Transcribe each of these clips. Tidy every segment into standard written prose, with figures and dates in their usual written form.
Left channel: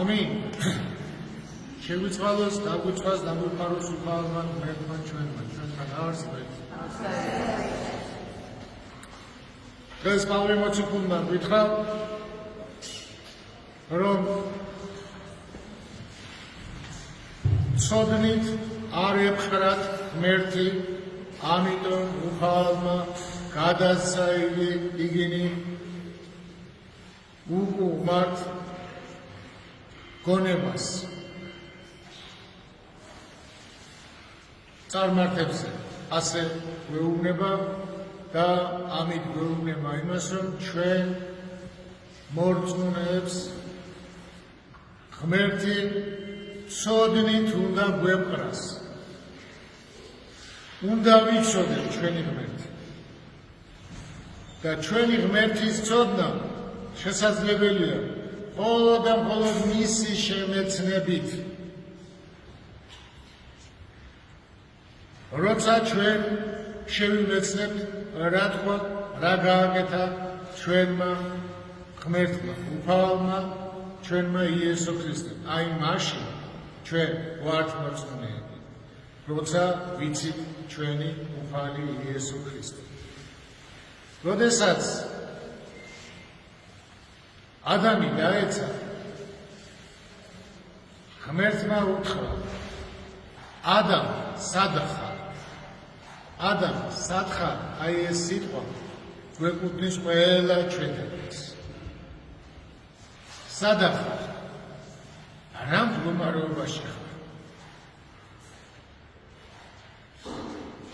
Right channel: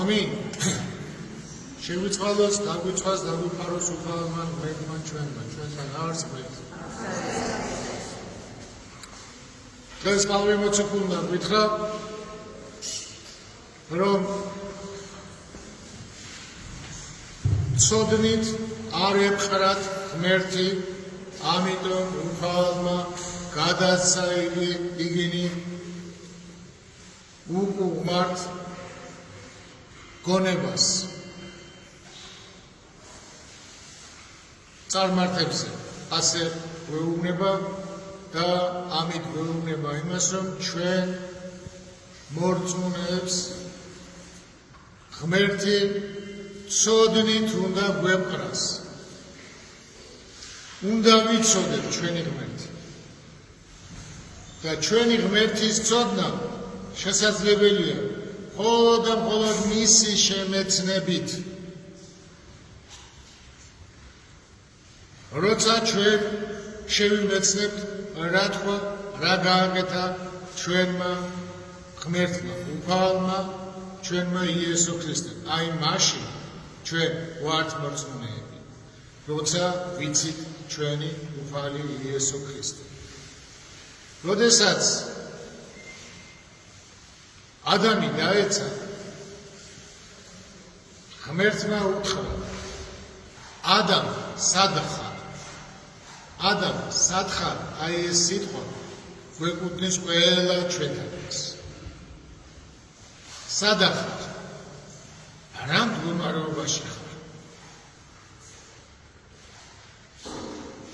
ამინ. შეგვიწყალოს, დაგვიცვას, დაგვიფაროს უფალმა ღმერთმა ჩვენმა, ჩვენთან არსებობს. დღეს პავლე მოციქულმა გითხრა, რომ ცოდნით არ ეფხრათ ღმერთი, ამიტომ უფალმა გადასცა იგინი უკუღმართ გონებას. წარმართებზე ასე გვეუბნება და ამით გვეუბნება იმას, რომ ჩვენ მორწმუნეებს ღმერთი ცოდნით უნდა გვეპყრას. უნდა ვიცოდეთ ჩვენი ღმერთი. და ჩვენი ღმერთის ცოდნა შესაძლებელია მხოლოდ და მხოლოდ მისი შემეცნებით. როცა ჩვენ შევიმეცნებთ, რა თქვა, რა გააკეთა ჩვენმა ღმერთმა, უფალმა, ჩვენმა იესო ქრისტემ. აი მაშინ ჩვენ ვართ მორწმუნეები, როცა ვიცით ჩვენი უფალი იესო ქრისტე. როდესაც ადამი დაეცა, ღმერთმა უთხრა, ადამ სად ხარ? ადამ სად ხარ? აი ეს სიტყვა გვეკუთვნის ყველა ჩვენთანაც. სად ხარ? რა მდგომარეობაში ხარ?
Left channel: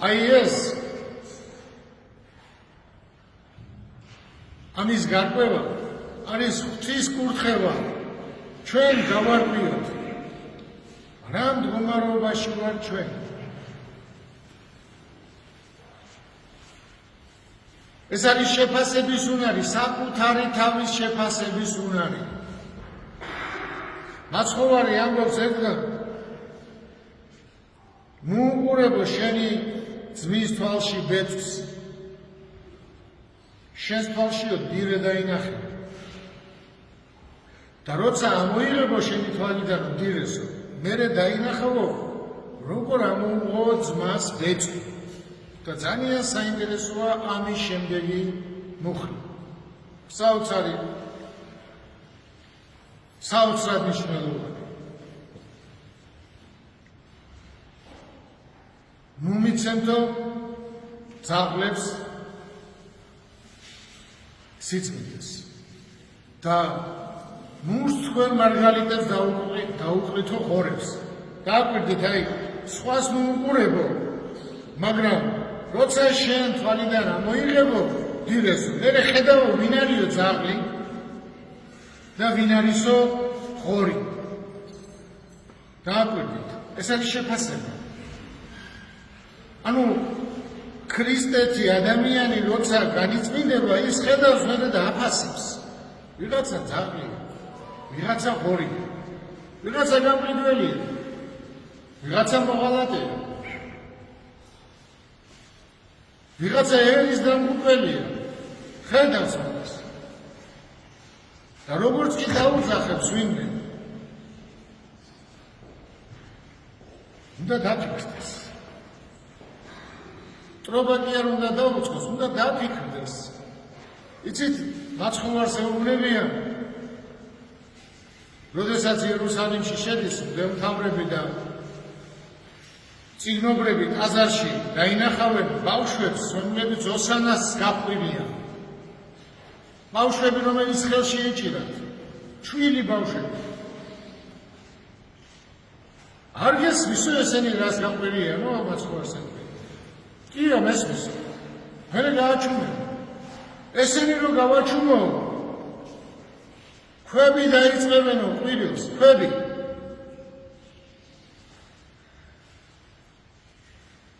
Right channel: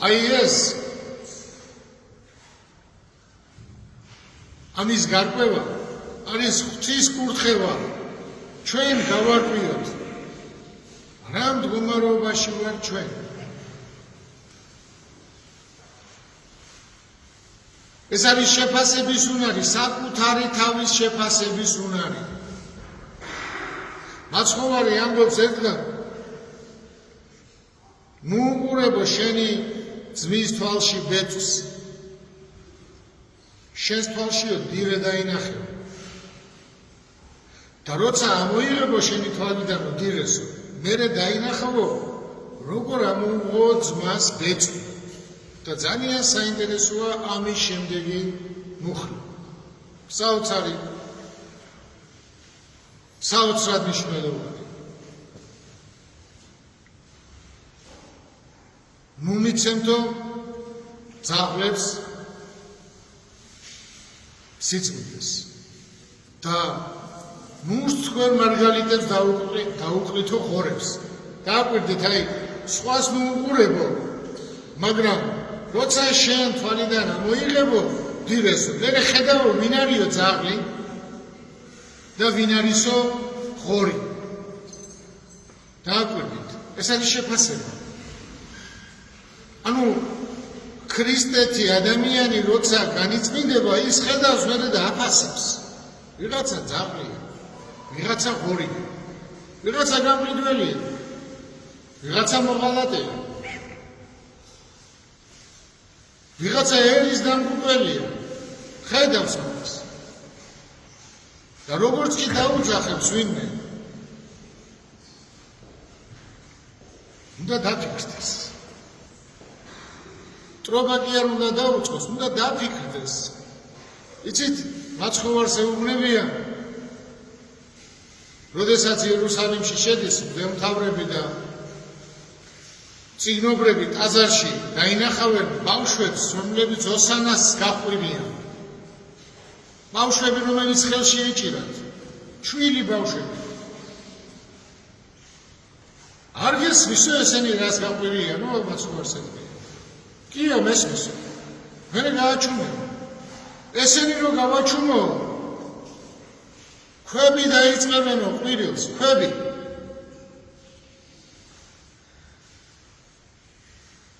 აი ეს ამის გარკვევა არის ღვთის კურთხევა. ჩვენ გავარკვიოთ, რა მდგომარეობაში ვარ ჩვენ. ეს არის შეფასების უნარი, საკუთარი თავის შეფასების უნარი. მაცხოვარი ამბობს ერთგან, მოუყურებო შენი ძმის თვალში ბეწვს, შენს თვალშიო დირე დაინახება. და როცა ამოიღებო შენი თვალიდან დირესო, მერე დაინახავო, როგორ ამოუღო ძმას ბეწვი. და ძალიან საინტერესოა ამის შემდეგი მუხლი. საოცრად მნიშვნელოვანი. მუმიცემთო ძაღლებს სიწმინდეს და მუსცხვერ მარგალიტებს დაუყრითო ღორებს. დააკვირდით, აი, სხვას მოუყურებო, მაგრამ როცა შენ თვალიდან მოიღებო დირესო, მერე ხედავო ვინ არისო ძაღლი და ვინ არისო ღორი. დააკვირდით, ეს არის შეფასება. ანუ ქრისტეთი ადამიანი როცა განიწმინდება, ის ხედავს მერე და აფასებს. ვიღაცა ძაღლია, ვიღაცა ღორია, ვიღაცა გამყიდველია, ვიღაცა მოღალატეა, ვიღაცა ერის დამღუპველია, ხედავს ამას. და როგორც კი დაუძახებს ვინმე, უნდა დაფიქრდეს. ტრობა კი არ უნდა დაუწყოს, უნდა დაფიქრდეს. იცით, მაცხოვარს ეუბნებია, როდესაც იერუსალიმში შედის მღვდელმთავრები და წიგნობრები ტაძარში დაინახავენ ბავშვებს, რომლებიც ოსანას გაყვირიან. ბავშვები, რომელიც ხელში ეჭირათ, ჩვილი ბავშვები. არ გესმისო ესენი რას გაყვირიან, მაცხოვარს ეუბნებია. კია მესმისო, მერე გააჩუმეო. ესენი რო გავაჩუმო, ქვები დაიწყებენო ყვირილს, ქვები.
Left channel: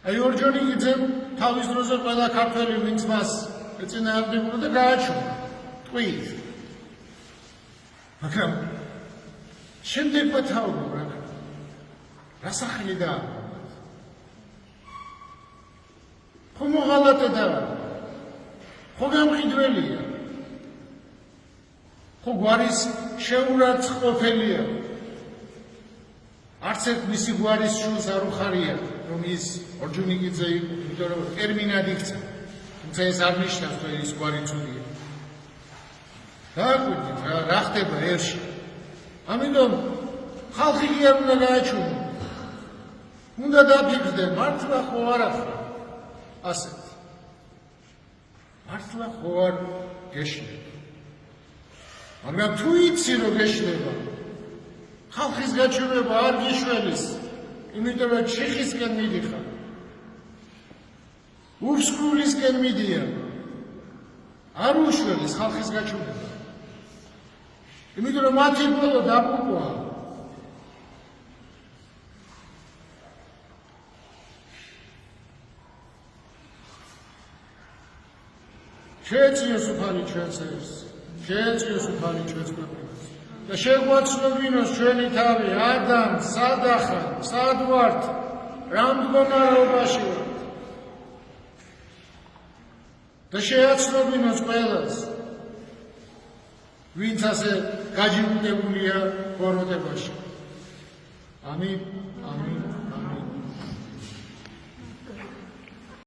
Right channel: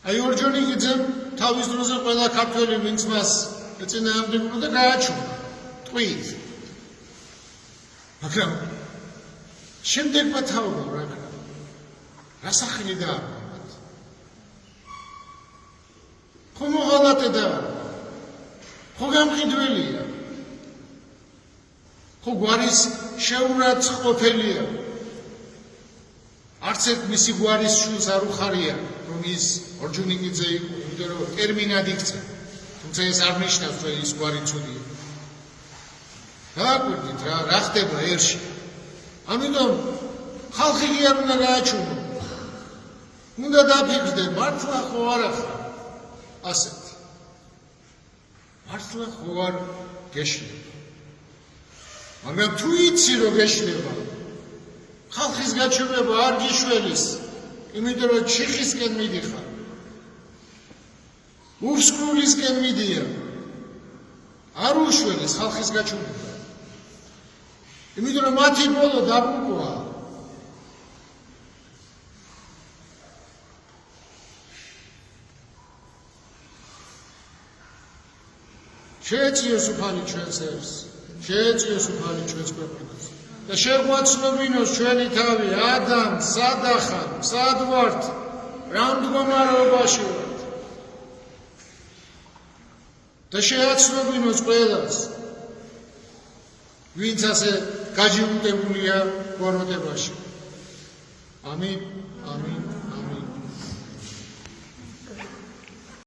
აი ორჯონიკიძემ თავის დროზე ყველა ქართველი ვინც მას ეწინააღმდეგებოდა და გააჩუმა ტყვით. მაგრამ შემდეგმა თაობა რა სახელი დააყენეთ. ხო მოღალატე და ხო გამყიდველია. ხო გვარის შეურაცხყოფელია. არც ერთ მისი გვარის შულს არ უხარია, რომ ის ორჯონიკიძე იყო, იმიტომ რომ ტერმინად იქცა. თუმცა ეს არ ნიშნავს, რომ ის გვარი ცუდია. დააკვირდით რა ხდება ერში. ამიტომ ხალხი კი არ უნდა გააჩვენო. უნდა დაფიქრდნენ, მართლა ხო არა ხარ ასეთი. მართლა ხო არ გეშლება. მაგრამ თუ იცი რომ გეშლება, ხალხის გაჩვენება არ გიშველის, იმიტომ რომ ჩიხისკენ მიდიხარ. ურსკულისკენ მიდია. არ უშველის ხალხის გაჩვენება. იმიტომ რომ მათი ბოლო დაბრუნდა. შეეწიოს უფალი ჩვენს ერს, შეეწიოს უფალი ჩვენს ქვეყანას და შეგვაცნობინოს ჩვენი თავი, ადამ, სად ახარ, სად ვართ, რა მდგომარეობაში ვართ და შეაცნობინოს ყველას, ვინც ასე გაჯიუტებულია ბოროტებაში. ამინ, ამინ, ამინ.